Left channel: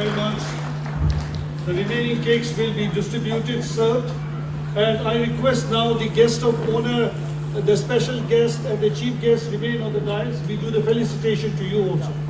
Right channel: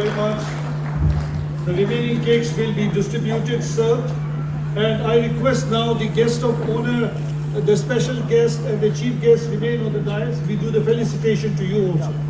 very much. The remaining cakes will be distributed, served. And I request now the guest of honor, the special guest and the chief guest remain on the dais. We do the felicitation to you also.